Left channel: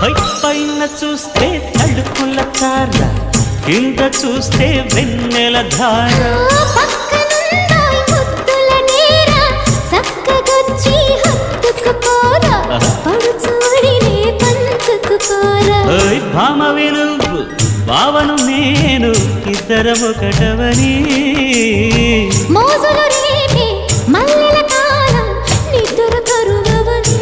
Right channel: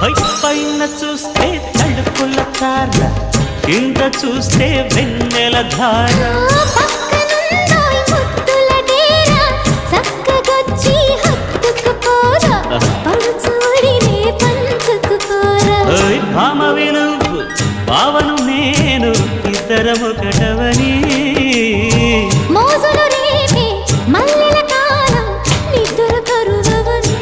పైన చూస్తే తడుకుల తార, కింద చూస్తే వెన్నెల ధార. పక్కనుందోయ్ ముద్దుల డేరా, చక్కగొచ్చి హత్తుకుపోరా, పడుచూడినే పంచుకుపోరా. భామ విలువు భావను నేను, ఇద్దరమొకటవని. మోజులు రేపే మల్లెల కాలం, నిద్ర కరువవని.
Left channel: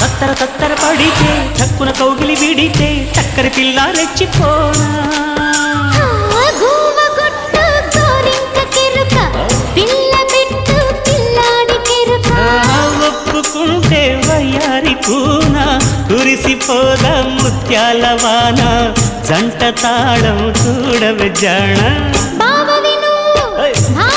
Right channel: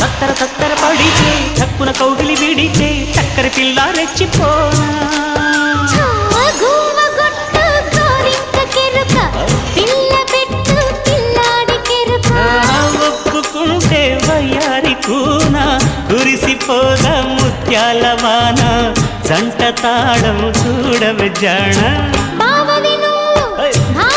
తత్తర తత్తర పడితే చక్కున కౌగిలి విడితే చక్కరి పిల్ల రెచ్చిపోనా. ఒప్పుకుంటే వయ్యారి కూన, కురిసిపోద ముత్యాల వాన, జంట తాళం చూడవే జాణ.